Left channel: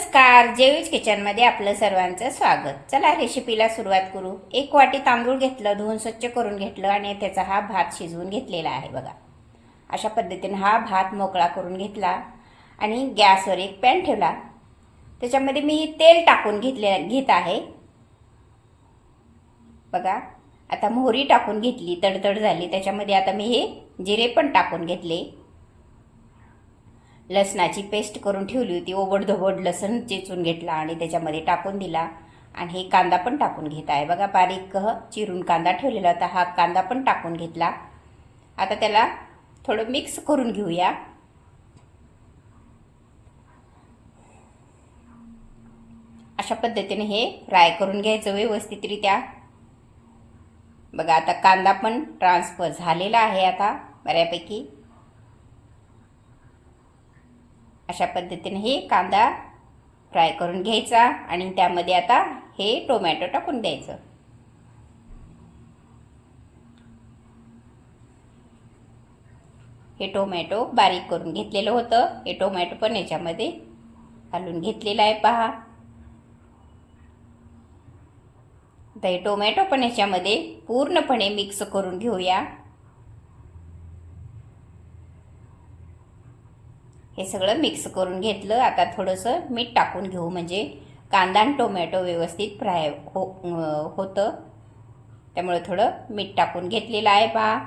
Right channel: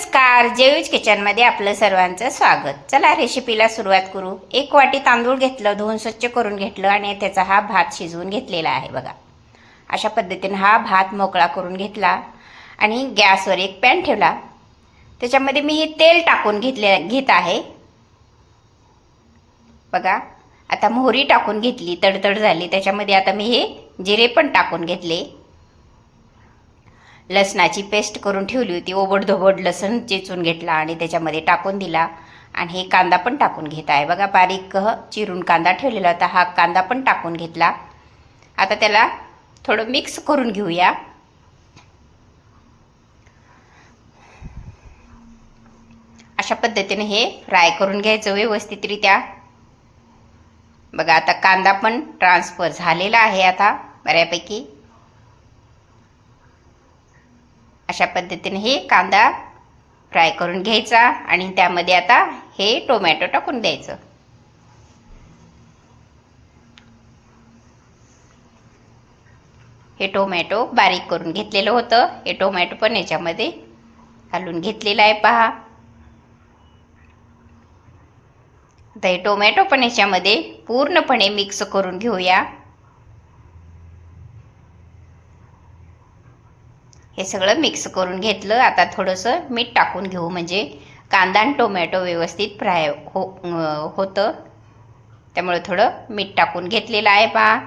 नमस्कार जेवीज किचनमध्ये आपलं सर्वांचं स्वागत. चला रेसिपीला सुरुवात करू. एक वाटी तांदूळ घेतलं धुवून स्वच्छ करून घेतलं आणि त्याचा हा भात शिजवून घेतलेला आहे बघा. अशा पद्धतीने हा भात मोकळा करून घेतला आणि गॅसवर एक पॅन ठेवला. त्याच्यामध्ये मी हे तेल टाकून घेतले घेत आहे. बघा आता मोहरी टाकून घेतली तडतड झाली. त्याच्यामध्ये आता मी हे जिरे पण टाकून घेतले. लसणाची पेस्ट करून ठेवली होती. ओबडधोबड लसण चेचून घेतला आणि त्याच्यामध्ये टाकून दिला. आणि हे कांदा पण टाकून घेत आहे. बघा बारीक चिरून कांदा ठेवलेला होता. हा कांदा पण टाकून घेतला. आता त्याला थोडं मिक्स करून घेऊया. अशा पद्धतीने हे फ्राय करून घ्यायचं व्यवस्थितरित्या. बघा आता कांदा पण ट्रान्सफर झालेला आहे आता बऱ्यापैकी. अशा पद्धतीने हे कांदा फ्राय करून घ्यायचा आणि त्यामध्ये आता हे टोमॅटो टाकून द्यायचं. हे टोमॅटो बारीक करून घेतलेलं होतं. हे टोमॅटो पण याच्यामध्ये घालून घेतलेलं आहे पहा. आता हे टोमॅटो पण याच्यामध्ये पूर्णपणे मिक्स करून घेऊया. हे सगळं मिक्स करून घेतलं. आता थोडंसं मीठ टाकून घेऊ. म्हणजे कांदा आणि टोमॅटो व्यवस्थित फ्राय हो होतं. त्यामुळे थोडं मीठ टाकून घेतलेलं आहे पहा.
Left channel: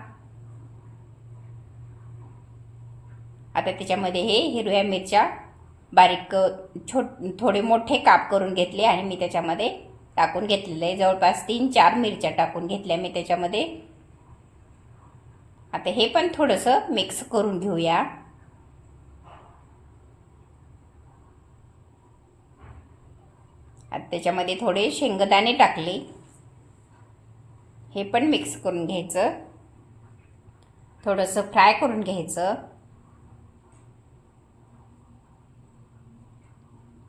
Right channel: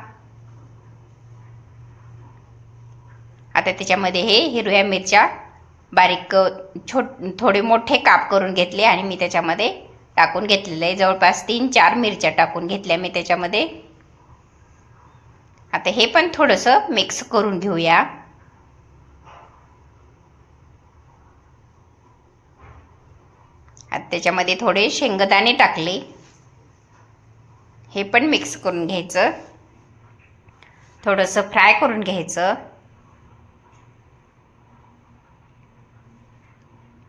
आता त्याच्यामध्ये हे हिरव्या मिरच्या बारीक छोट थोडे मोठे काप करून घेतले आणि मी त्याच्यामध्ये टाकून घेतलेलं आहे. जवळपास तीन चार मिरच्या टाकून घेतल्या मी त्याच्यामध्ये. आता हे पण थोडंसं मिक्स करून घेऊया. त्याच्यामध्ये थोडे शेंगदाणे टाकले. हे पण मिक्स करून घ्यायचं. थोडंसं फ्राय करून घ्यायचं.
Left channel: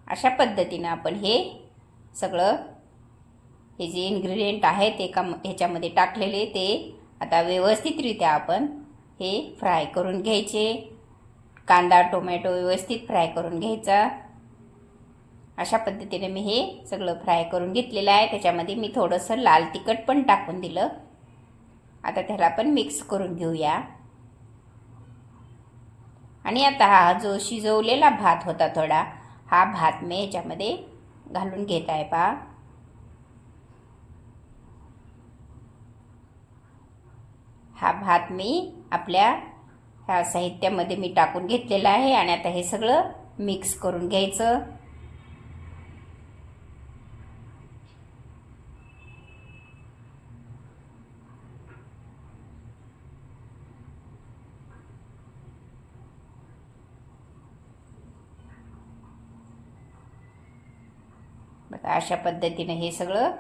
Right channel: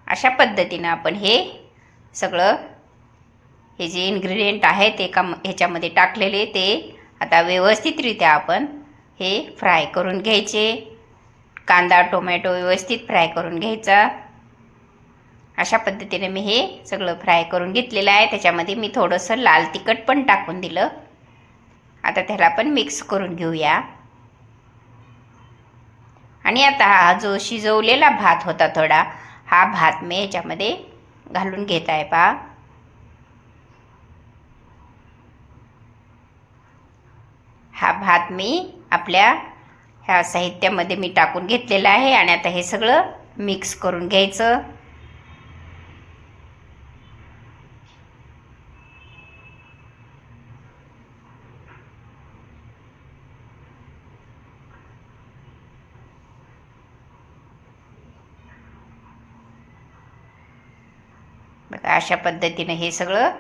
अशा पद्धतीनं आपण हे सगळं हे जे इन्ग्रेडियंट आहे ते एका ह्याच्यामध्ये टाकलेले ते आता व्यवस्थितरित्या आपण हे फ्राय करून घ्यायचे. कांदा टोमॅटो व्यवस्थित फ्राय करून घ्यायचा. अशा पद्धतीने मी हे सगळं फ्राय करून घेतलेलं आहे. त्याच्यामध्ये मी थोडंसं लाल तिखट पण टाकून दिलं. आता त्याला पण मिक्स करून घेऊया. आणि आता हा जो शिजवलेला भात होता थोडा हा भात मी याच्यामध्ये घालून घेत आहे पहा. हा भात मी आपल्या ह्या साहित्यामध्ये मी टाकून घेतलेला आहे आणि आता हे सगळं मिक्स करून घ्यायचं. अशा पद्धतीनं हे सगळं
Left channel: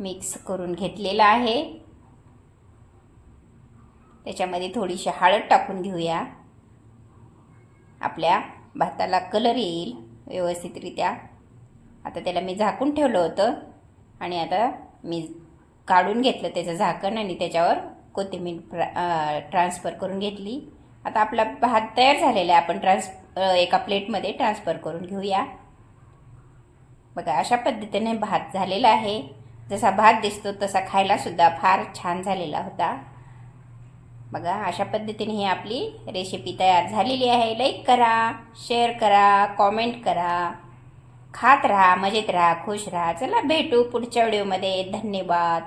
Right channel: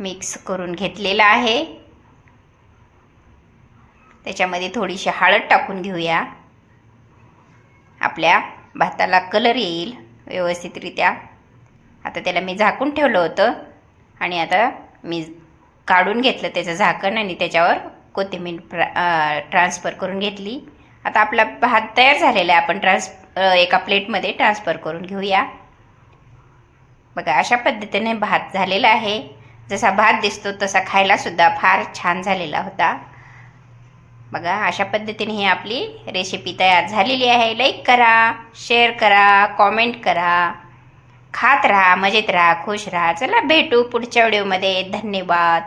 मिक्स करून घेतलेलं आहे. त्याच्यामध्ये थोडीशी हळद टाकून घेऊया. आपल्या भाताला कलर येईल व्यवस्थितरित्या. आता त्याला मी झाकून ठेवलं होतं आणि आता मी काढून घेतलं त्याचं झाकण आणि त्याच्यावर कोथिंबीर प्रा ट्रान्सफर करून घेतली. आता आपला भात तयार झालेला आहे. आपण ट्रान्स एका प्लेटमध्ये ट्रान्सफर करून घेऊया. बघा अशा पद्धतीने भात झालेला आहे. जसा भात दिसतो तसा खायलासुद्धा फार छान झालेला होता. बघा अशा पद्धतीने ही आपली रेसिपी तयार झालेली आहे. लाईक करा शेअर करा कॉमेंट करा. खात राहा मजेत राहा खुश राहा. चला भेटू पुढच्या व्हिडिओमध्ये धन्यवाद.